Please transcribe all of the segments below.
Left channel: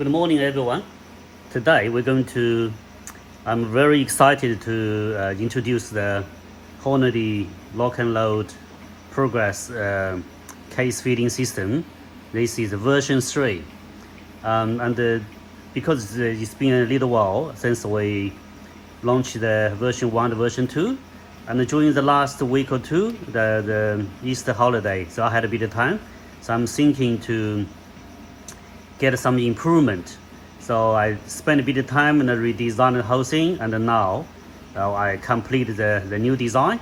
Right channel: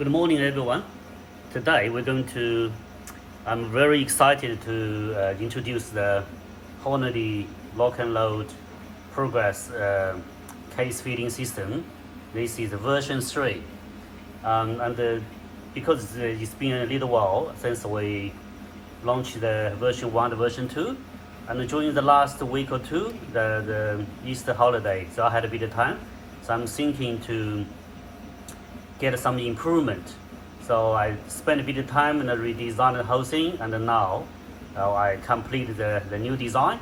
Good morning, everyone. Today I'm very excited to introduce the Hornady lock and load progress case feeding system. This is version 3. Because it's been a little while since we launched the version 1 to version 2, and during the last week or two, the Easter holiday, so I had a bit of time. So I'm thinking to get some improvement. So I spent a bit of time and redesigned the whole thing, and now I completed the new design.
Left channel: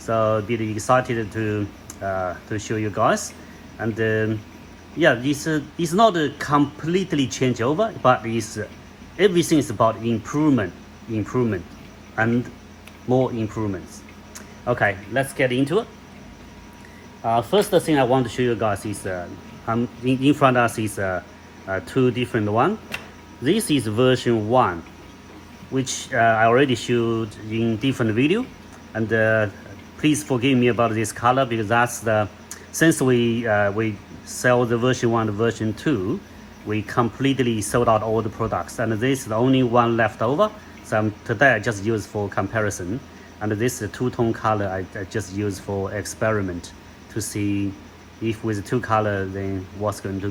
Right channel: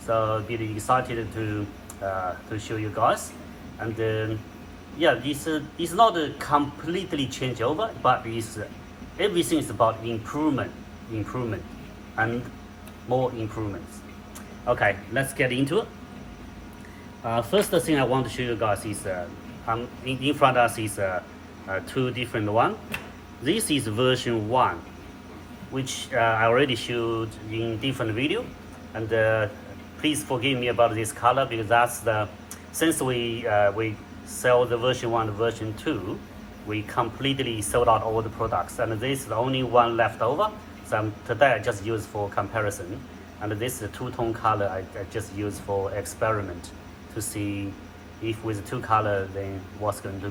So really excited to show you guys. And yeah, this is not a completely changeover, but everything is about improvement, and more improvements. Okay, let's get into it. First thing I want to show you guys is in front of us is two different ones. This is version 1, which I already showed in different video, and please forgive me about this color, because that's since we sell the version 1 to version 2, we completely sold out all the products, and this is the only one left over. So today I just use for comparison, and this is a two-tone color I just use for experiment to see if with two colors then what's going to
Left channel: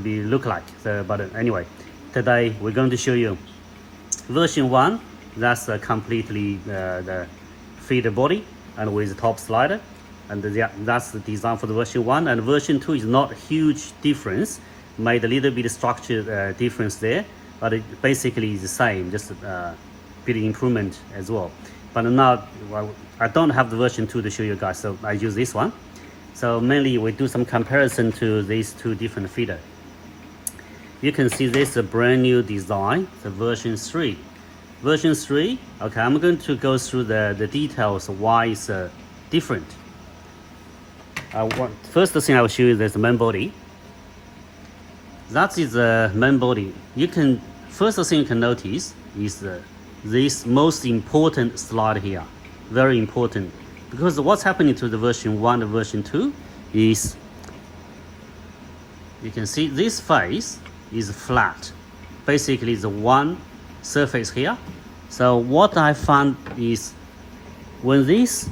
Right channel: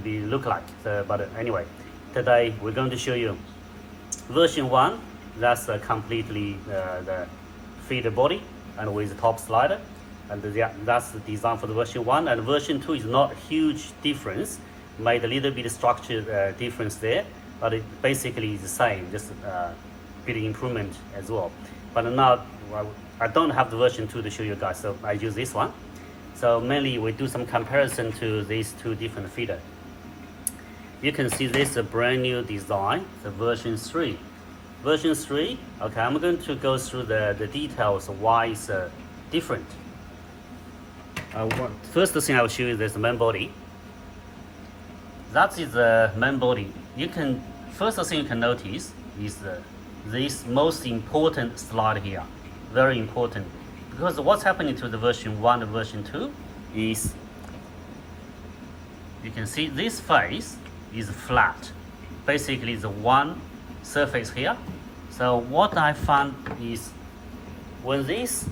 be look like. So, but anyway, today we're going to show you version 1. That's completely the feeder body and with the top slider, and that's the design for the version 1. And version 2 is not huge difference, made a little bit of structure difference there, but it basically is the same, just a bit of improvement as well. But now, well, I don't have the version 2 to show you guys, so I use this one. So mainly we do some comparison to these two different feeder. You can see this is a brand new design, the version 3. Version 3, okay, I'm going to go through the details of why it's different. First thing I will show you is the main body. That is the main body. First thing you can notice is this most important slide here, very important. Because what's happening to the version 1 to version 2 is, you can see this face is flat. Basically, the one surface here. So what I found is when this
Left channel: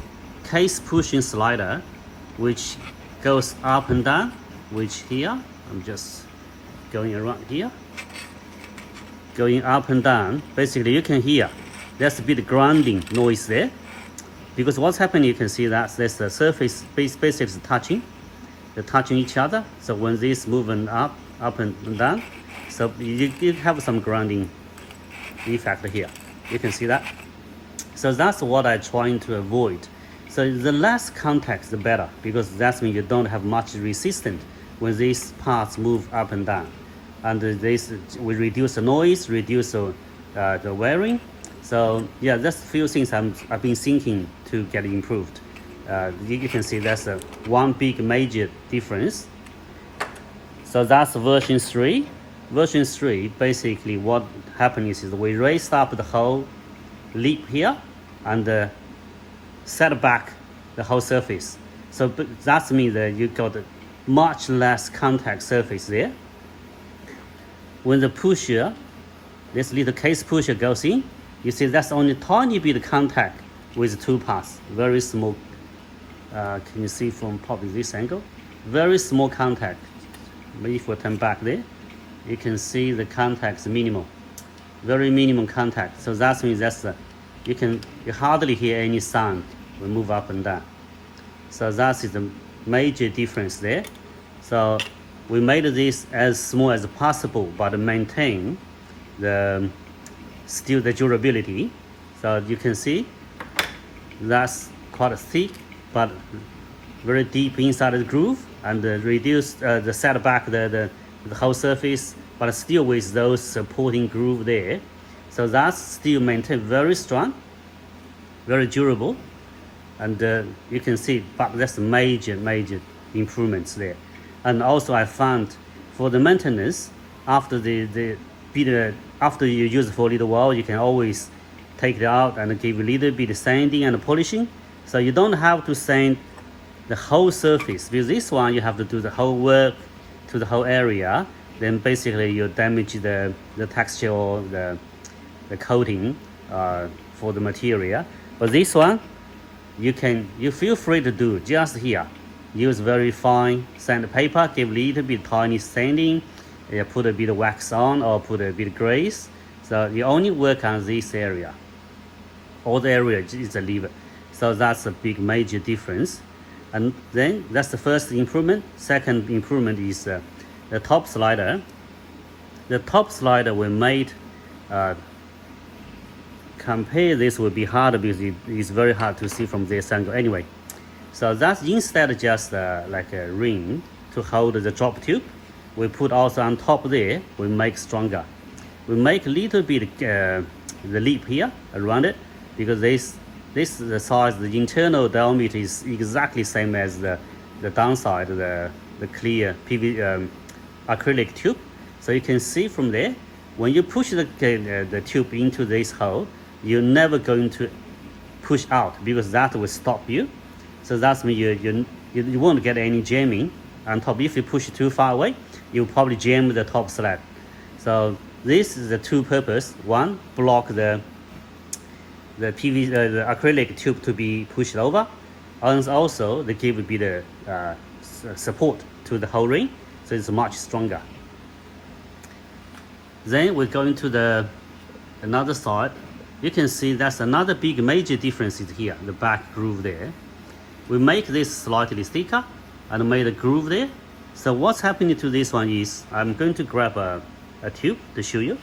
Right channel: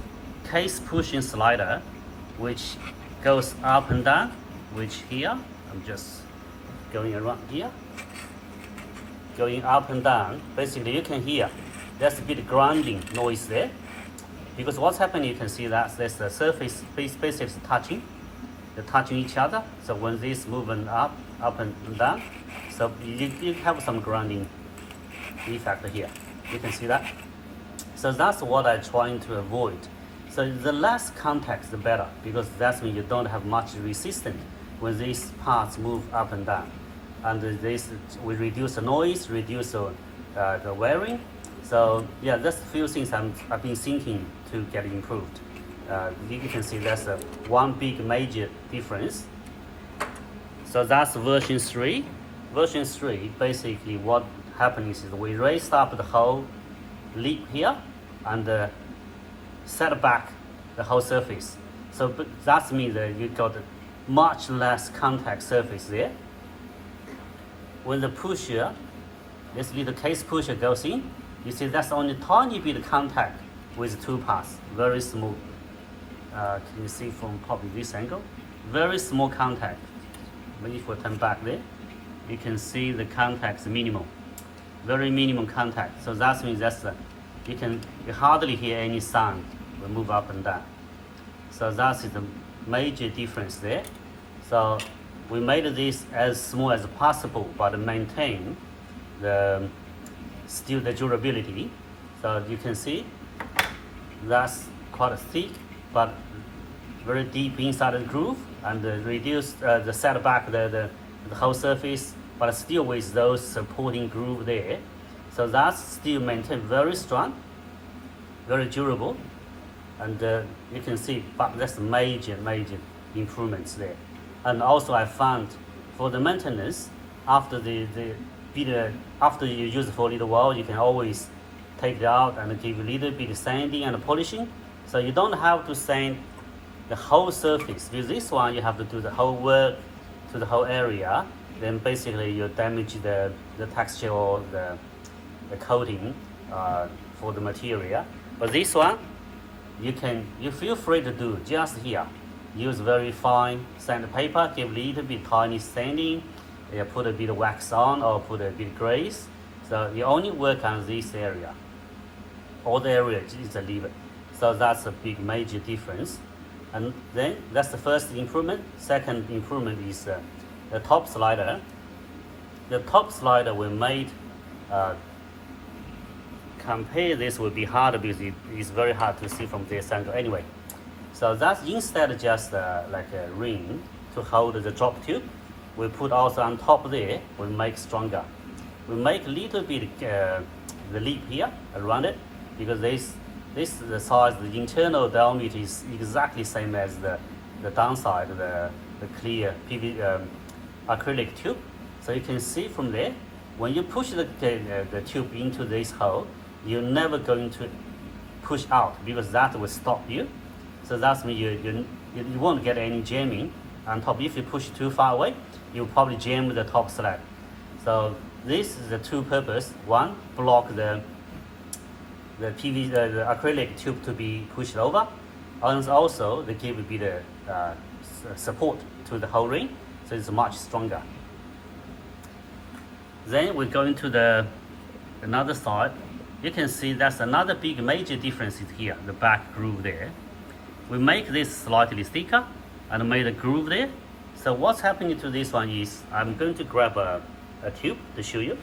case pushing slider, which goes up and down, which here, I'm just going around here, going up and down, basically you can hear there's a bit of grinding noise there. Because what's happening, you can see that there's the surface basically touching, they're touching each other. So when this moving up and down, so you have some grinding effect here. You can see that. So that's what I'm trying to avoid. So the less contact, the better, because that means you don't have much resistance when these parts move up and down. And this will reduce the noise, reduce the wearing. So yeah, that's a few things I've been thinking to get improved. You can see that's one big major difference. So that's version 3. Version 3, basically what happened is we raised up the whole lip here and set back the whole surface. So that means that you got much less contact surface there. When the pusher, this little case pusher goes in, you see that's only tiny bit of contact with two parts, very small. Can you see from probably this angle? Very small contact. Maybe if we turn back there, you can see the contact is minimal, very minimum contact. So that means you hardly hear any sound when you move up and down. So that is the major difference there. So we made this as small as possible, but maintain still the durability. So you can see that's quite thick, but very deep inside the groove, and reduce the setback the whole surface, but still with those supporting groove there. So that's still maintained very strong, very durable, and you can see, but that's major improvements there. And also I found for the maintenance, after after you use it for a little while, you can always take it out and give a little bit of sanding and polishing. So you don't have to sand the whole surface. With this one, you have to do the whole work to the whole area. Then basically you damage the texture or the coating for the material. But this one, you feel free to do just here. Use very fine sandpaper, give a little bit tiny sanding, put a bit of wax on or put a bit of grease. So you only work on this area. All the area is a lever. So that's a big major difference. And then that's the first improvement. Second improvement is the top slider. The top slider we made, compare this would be hard because it's very hard to see from this angle anyway. So that's instead of just like a ring to hold the drop tube, we put also on top there, we make stronger. We make a little bit the lip here around it, because this the size, the internal diameter is exactly same as the downside, the clear acrylic tube. So you can see from there, when you push the tube into this hole, you're never going to push out, because that will stop you. So that's mean you won't get any jamming on top. If you push too far away, you'll probably jam the top slab. So this is the two purpose. One, block the acrylic tube to be pushed over, and also they give a bit of support to the whole ring, so it's much stronger. Then we go into another side. You can see that's another big major difference is here, the back groove there. We make this slightly thicker and made a groove there. So what's happening to this one is, I'm going to grab a tube to show you.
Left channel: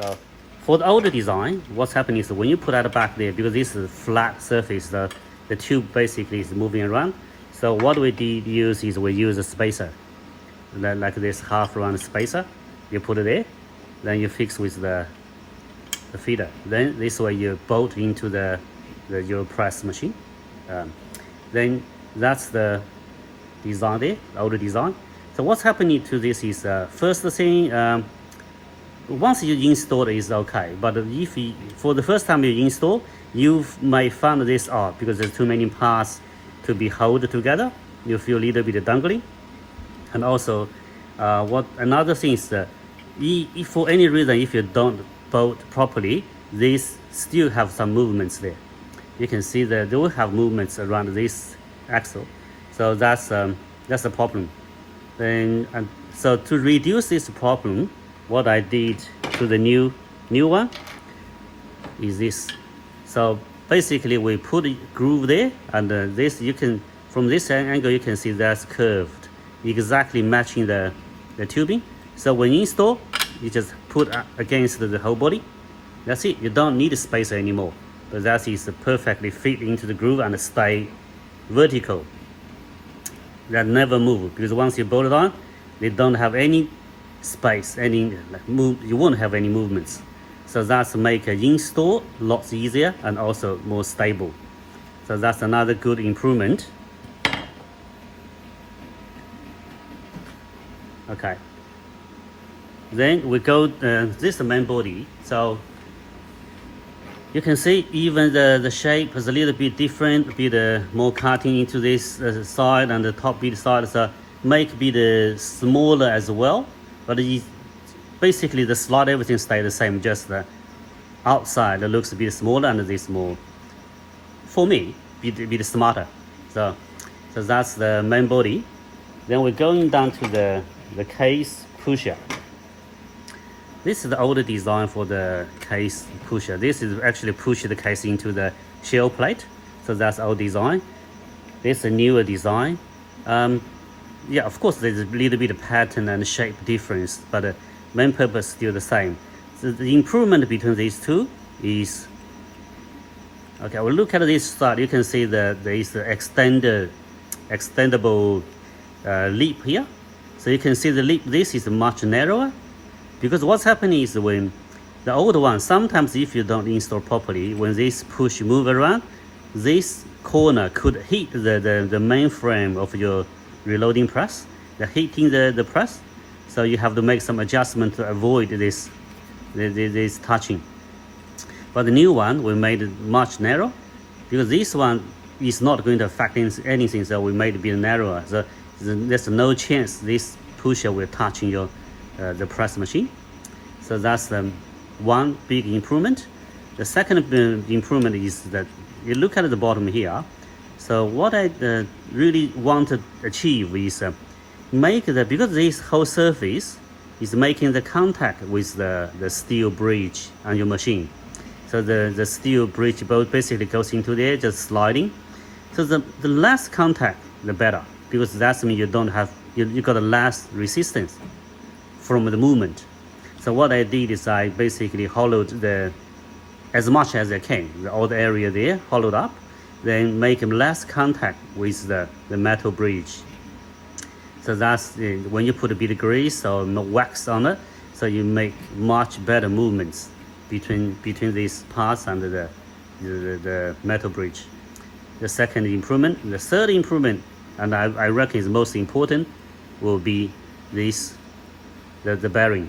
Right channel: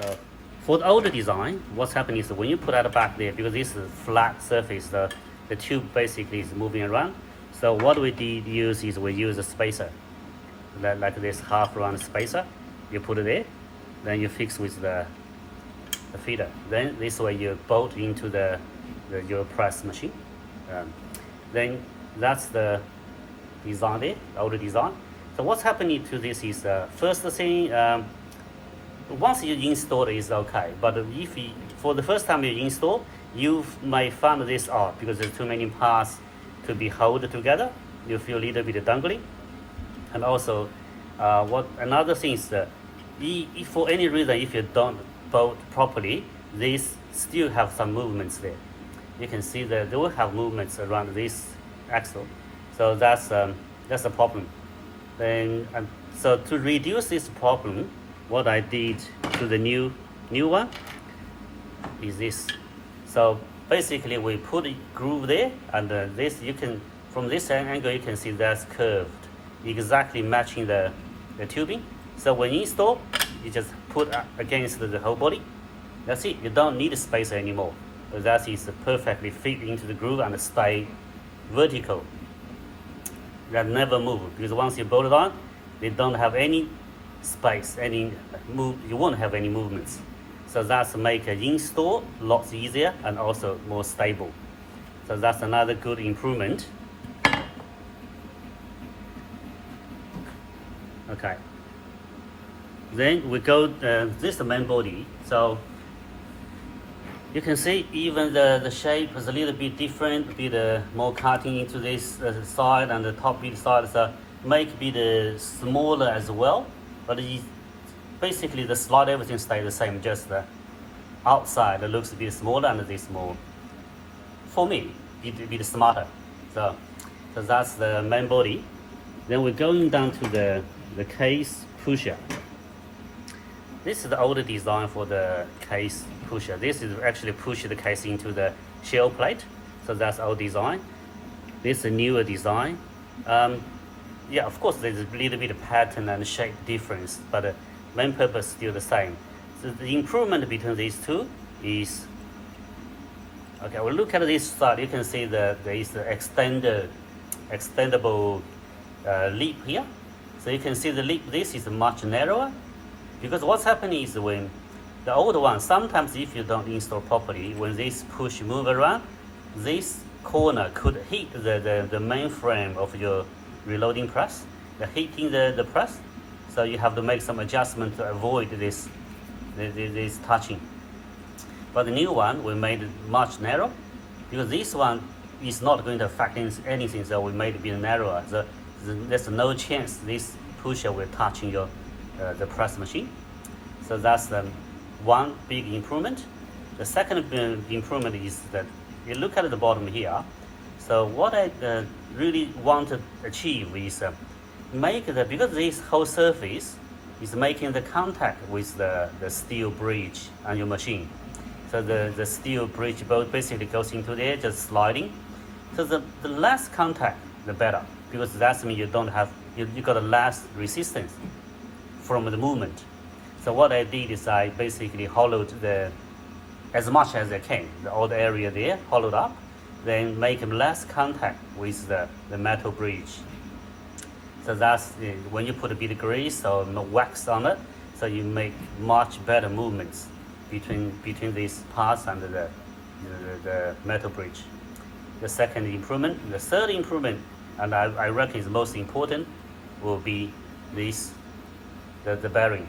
So for the older design, what's happening is when you put that back there, because this is a flat surface, the tube basically is moving around. So what we did use is we use a spacer, like this half round spacer. You put it there, then you fix with the feeder. Then this way you bolt into your press machine. Then that's the design there, older design. So what's happening to this is, first thing, once you install it is okay, but if for the first time you install, you may find this out because there's too many parts to be held together. You feel a little bit dangling. And also, another thing is that if for any reason, if you don't bolt properly, these still have some movements there. You can see that they will have movements around this axle. So that's a problem. Then, so to reduce this problem, what I did to the new one is this. So basically we put a groove there, and this, you can, from this angle you can see that's curved, exactly matching the tubing. So when you install, you just put against the whole body. That's it. You don't need a spacer anymore. But that is perfectly fit into the groove and stay vertical. That never move, because once you bolt it on, they don't have any space, any move. You won't have any movements. So that's make an install lots easier and also more stable. So that's another good improvement. Okay. Then we go this is the main body. So you can see even the shape is a little bit different, bit more cutting into this side, and the top bit side, so make bit smaller as well. But basically the slot, everything stays the same, just the outside it looks a bit smaller and this more, for me, bit smarter. So that's the main body. Then we're going down to the case pusher. This is the older design for the case pusher. This is actually push the case into the shell plate. So that's our design. This is a newer design. Yeah, of course there's a little bit of pattern and shape difference, but the main purpose is still the same. So the improvement between these two is Okay, we'll look at this side. You can see there is the extendable lip here. So you can see the lip, this is much narrower, because what's happening is when the old one, sometimes if you don't install properly, when this push move around, this corner could hit the main frame of your reloading press, hitting the press. So you have to make some adjustment to avoid this touching. But the new one, we made it much narrow, because this one is not going to affect anything, so we made it a bit narrower. So there's no chance this pusher will touch your the press machine. So that's the one big improvement. The second improvement is that you look at the bottom here. So what I really want to achieve is make because this whole surface is making the contact with the steel bridge on your machine. So the steel bridge bolt basically goes into there, just sliding. So the less contact, the better, because that means you don't have, you got a less resistance from the movement. So what I did is I basically hollowed as much as I can, all the area there, hollowed up, then make less contact with the metal bridge. So that's when you put a bit of grease or wax on it, so you make much better movements between these parts and the metal bridge. The second improvement. The third improvement, and I reckon is most important, will be the bearing.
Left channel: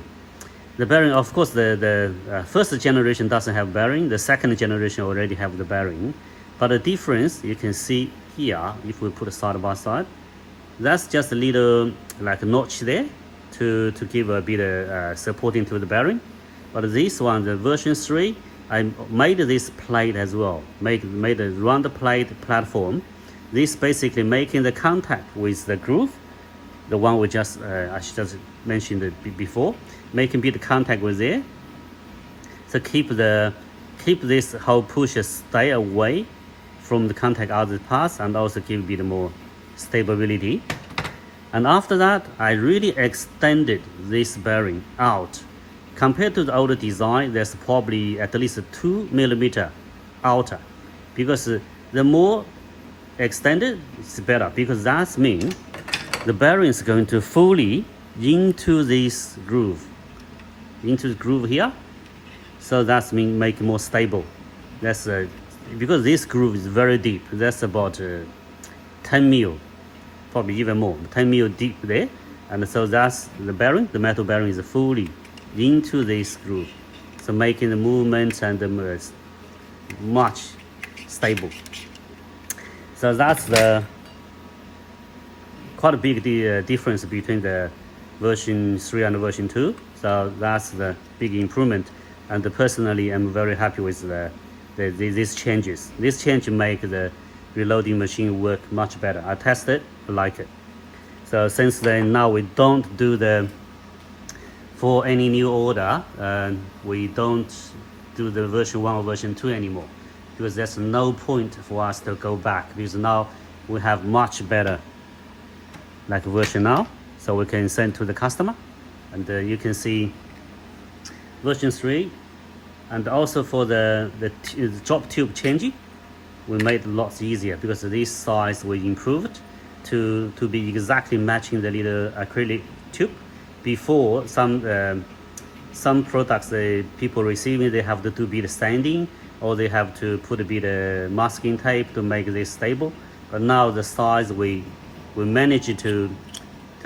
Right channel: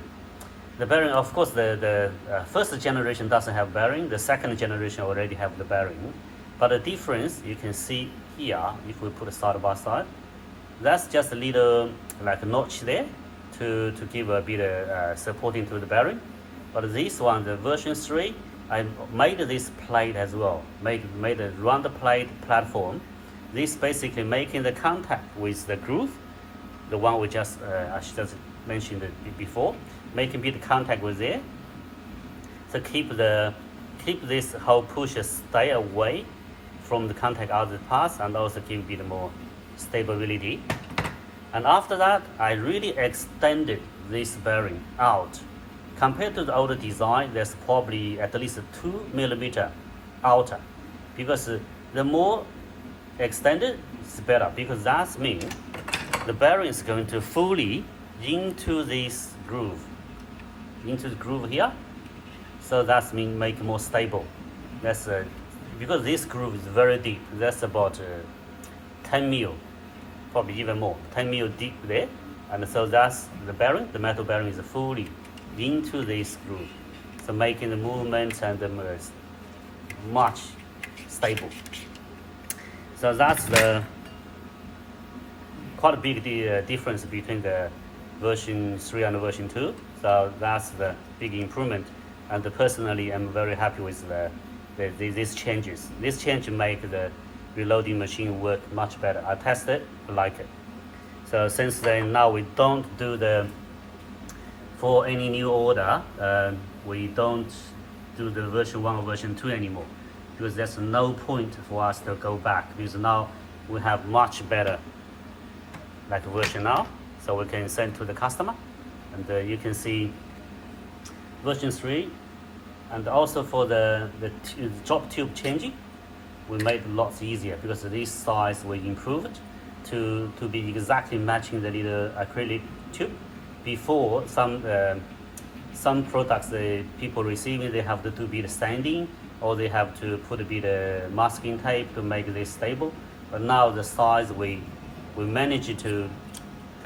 The bearing, of course, the first generation doesn't have bearing. The second generation already have the bearing. But the difference you can see here, if we put it side by side, that's just a little like a notch there to give a bit of supporting to the bearing. But this one, the version 3, I made this plate as well. Made a round plate platform. This basically making the contact with the groove, the one we just I just mentioned it before, making bit of contact with there. So keep this whole pusher stay away from the contact other parts, and also give a bit more stability. And after that, I really extended this bearing out. Compared to the older design, there's probably at least 2 millimeter outer, because the more extended, it's better, because that means the bearing is going to fully into this groove, into the groove here. So that's mean make it more stable. That's because this groove is very deep. That's about 10 mil, probably even more, 10 mil deep there. And so that's the bearing. The metal bearing is fully into this groove, so making the movement and the much stable. So that's the quite a big difference between the version 3 and version 2. So that's the big improvement, and personally I'm very happy with these changes. This change make the reloading machine work much better. I tested, I like it. So since then, now we don't do for any new order, we don't do the version 1 or version 2 anymore, because there's no point for us to go back, because now we have much better like version now, so we can send to the customer. And you can see version 3, and also for the drop tube changing, we made it lots easier, because this size we improved to be exactly matching the little acrylic tube. Before, some products people receiving, they have to do a bit of sanding, or they have to put a bit of masking tape to make this stable. But now the size we managed to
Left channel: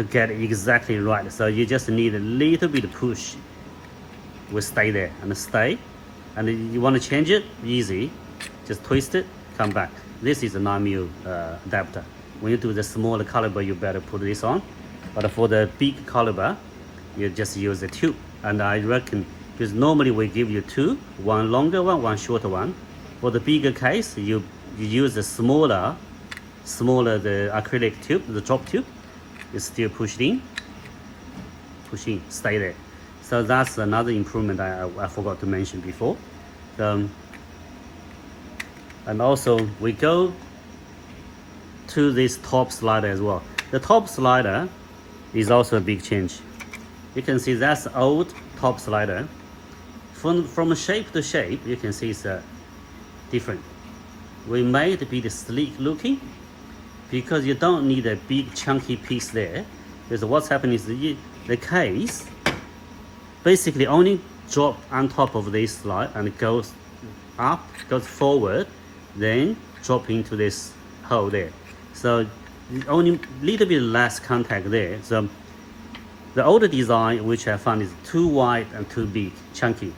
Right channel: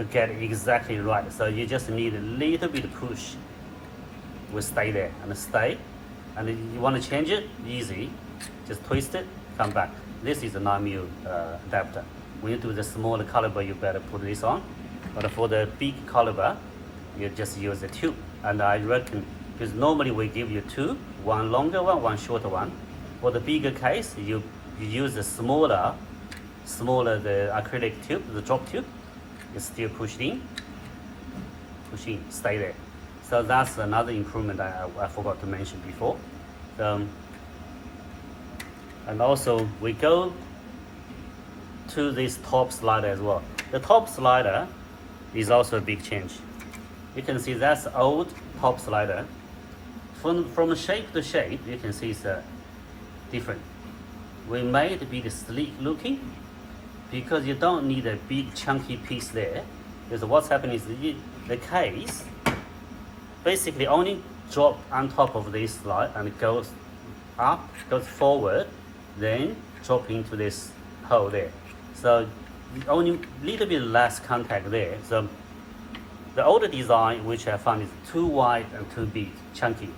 get exactly right. So you just need a little bit of push, will stay there and stay. And you want to change it, easy, just twist it, come back. This is a 9mm adapter. When you do the smaller caliber, you better put this on. But for the big caliber, you just use a tube. And I reckon, because normally we give you 2, one longer one, one shorter one. For the bigger case, you use the smaller the acrylic tube, the drop tube. You still push in, stay there. So that's another improvement I forgot to mention before. And also we go to this top slider as well. The top slider is also a big change. You can see that's old top slider. From shape to shape, you can see it's different. we made it be sleek looking because you don't need a big chunky piece there. Because what's happening is the case basically only drop on top of this slide and it goes up, goes forward, then drop into this hole there. So only little bit less contact there. So the older design, which I found is too wide and too big, chunky,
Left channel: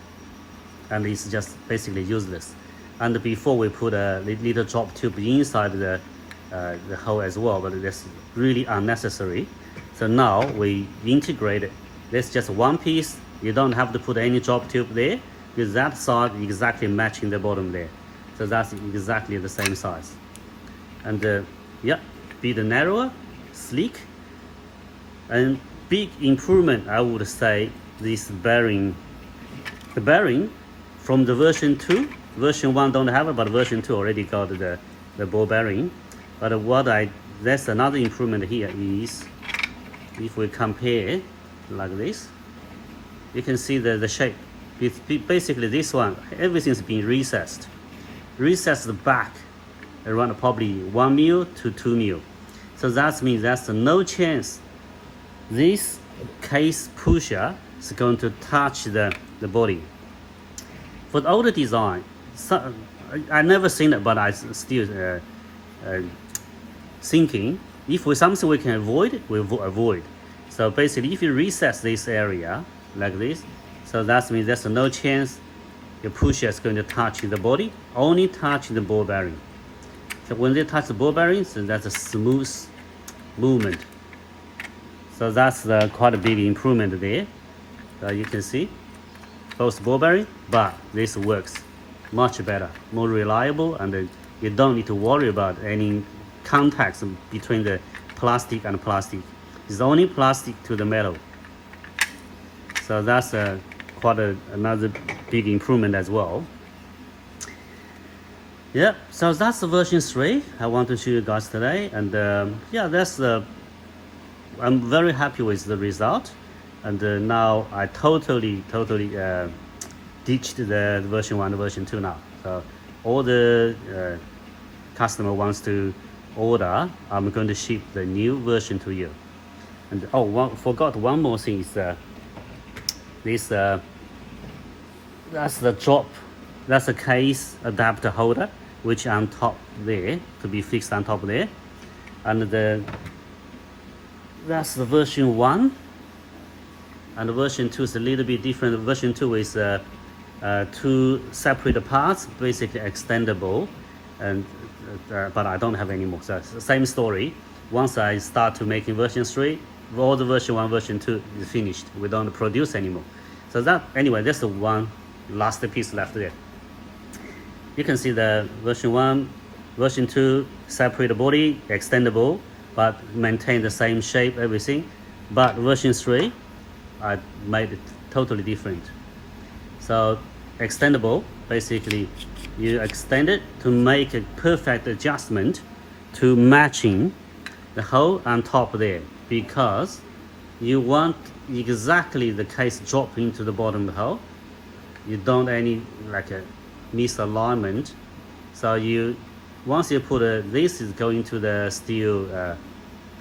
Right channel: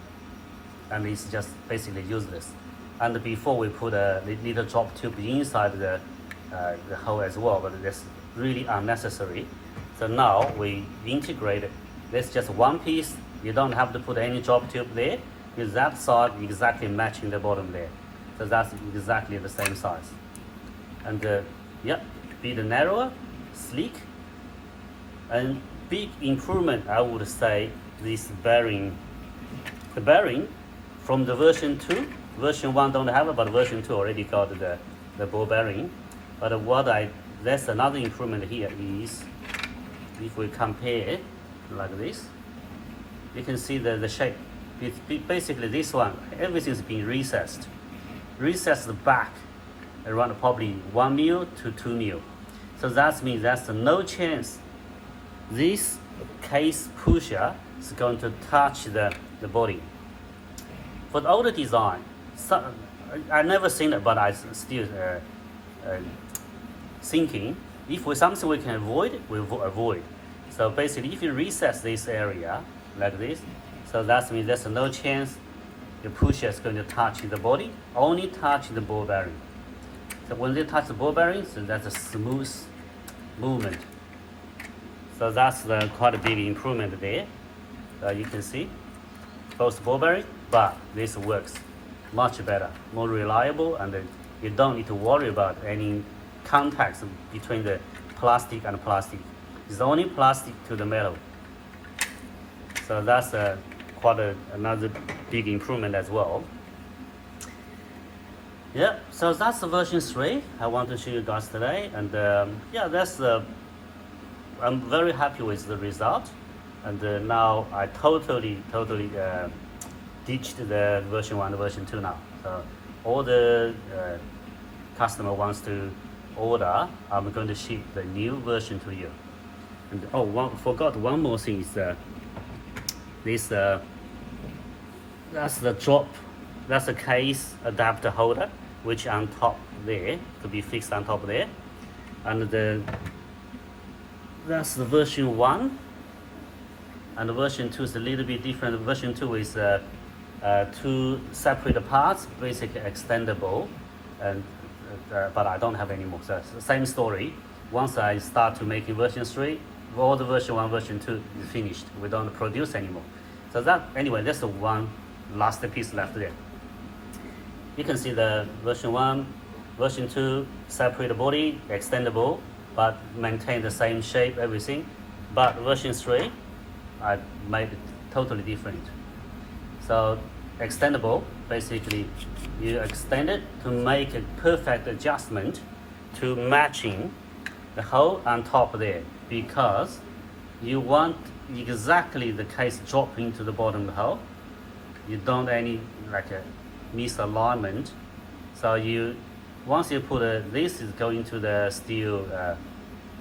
and it's just basically useless. And before we put a little drop tube inside the hole as well, but that's really unnecessary. So now we integrate it. That's just one piece. You don't have to put any drop tube there because that side exactly matching the bottom there. So that's exactly the same size. And yeah, bit narrower, sleek, and big improvement. I would say this bearing, the bearing from the version 2, version 1 don't have it, but version 2 already got the ball bearing. But that's another improvement here is if we compare like this, you can see the shape. It's basically this one, everything's been recessed back around probably 1 mil to 2 mil. So that means there's no chance this case pusher is going to touch the body. For the older design, so, I've never seen it, but I still thinking if we something we can avoid, we avoid. So basically, if you recess this area like this, so that means there's no chance the pusher is going to touch the body, only touch the ball bearing. So when they touch the ball bearing, so that's a smooth movement. So that's quite a big improvement there. You can see both ball bearing, but this works much better, more reliable, and you don't need to worry about any contacts between the plastic and plastic. It's only plastic to the metal. So that's quite another big improvement as well. Yeah, so that's the version 3 I want to show you guys today, and yeah, that's I'm very happy with the result, and now I totally ditched the version 1 and version 2 now. So all the customer wants to order, I'm going to ship the new version to you. And forgot one more thing is this that's the drop, that's a case adapter holder which on top there to be fixed on top there, and that's the version 1, and the version 2 is a little bit different. Version 2 is 2 separate parts, basically extendable, and but I don't have any more. So it's the same story. Once I start to making version 3, all the version 1, version 2 is finished. We don't produce anymore. So that anyway, that's the one last piece left there. You can see the version 1, version 2, separate body, extendable, but maintain the same shape, everything. But version 3, I made it totally different. So extendable, basically you extend it to make a perfect adjustment to matching the hole on top there, because you want exactly the case drop into the bottom of the hole. You don't any like a misalignment. So you once you put this is going to the steel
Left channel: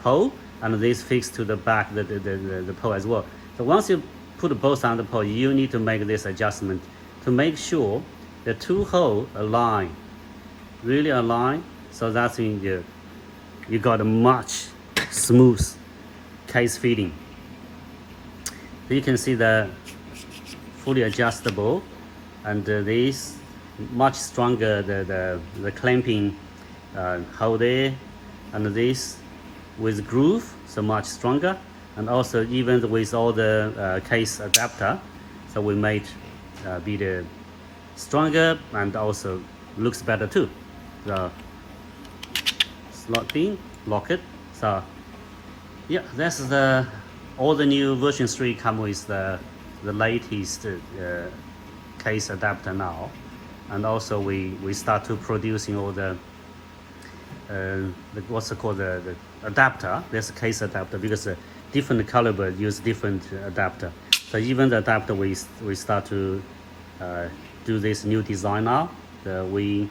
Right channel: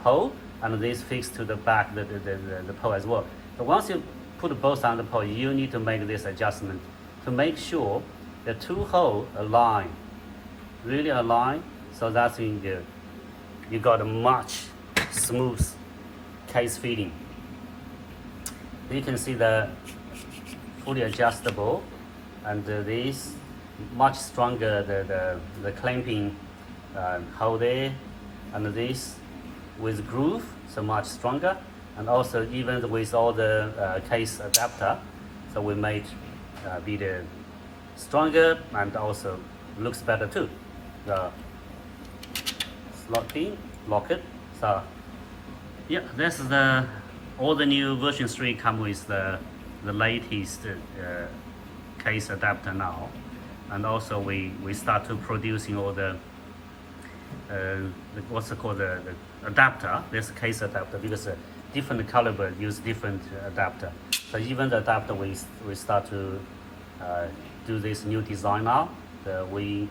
pole, and this fixed to the back the pole as well. So once you put both on the pole, you need to make this adjustment to make sure the two holes align, really align, so that's in you got a much smooth case fitting. You can see the fully adjustable, and this much stronger the clamping hole there, and this with groove, so much stronger, and also even with all the case adapter, so we made bit stronger and also looks better too. So slot in, lock it. So yeah, that's all the new version 3 come with the latest case adapter now, and also we start to producing all the what's it called, the adapter. There's a case adapter because different caliber use different adapter. So even the adapter we start to do this new design now. We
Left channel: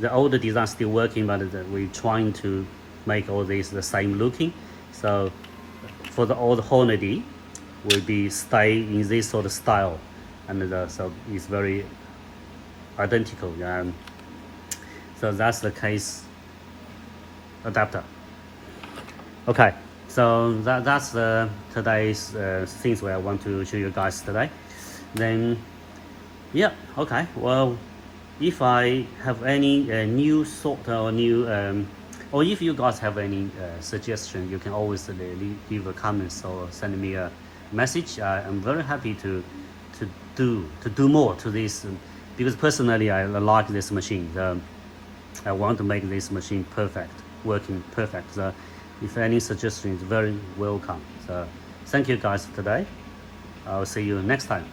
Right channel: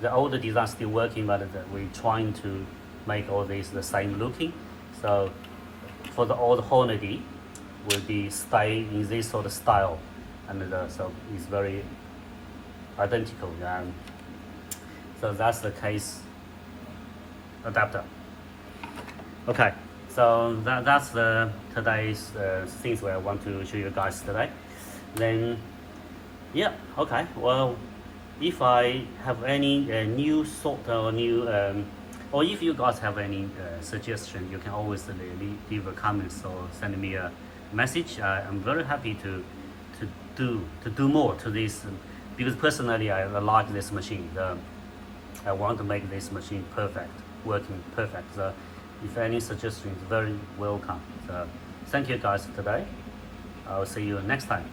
the older design still working, but we're trying to make all these the same looking. So for the old Hornady, will be stay in this sort of style, and so it's very identical. So that's the case adapter. Okay, so that's the today's things where I want to show you guys today. Then yeah, okay, well, if I have any new thought or new or if you guys have any suggestion, you can always leave a comment or send me a message. I'm very happy to do more to this, because personally I like this machine. I want to make this machine perfect, working perfect. So if any suggestions, very welcome. So thank you guys today. I'll see you next time.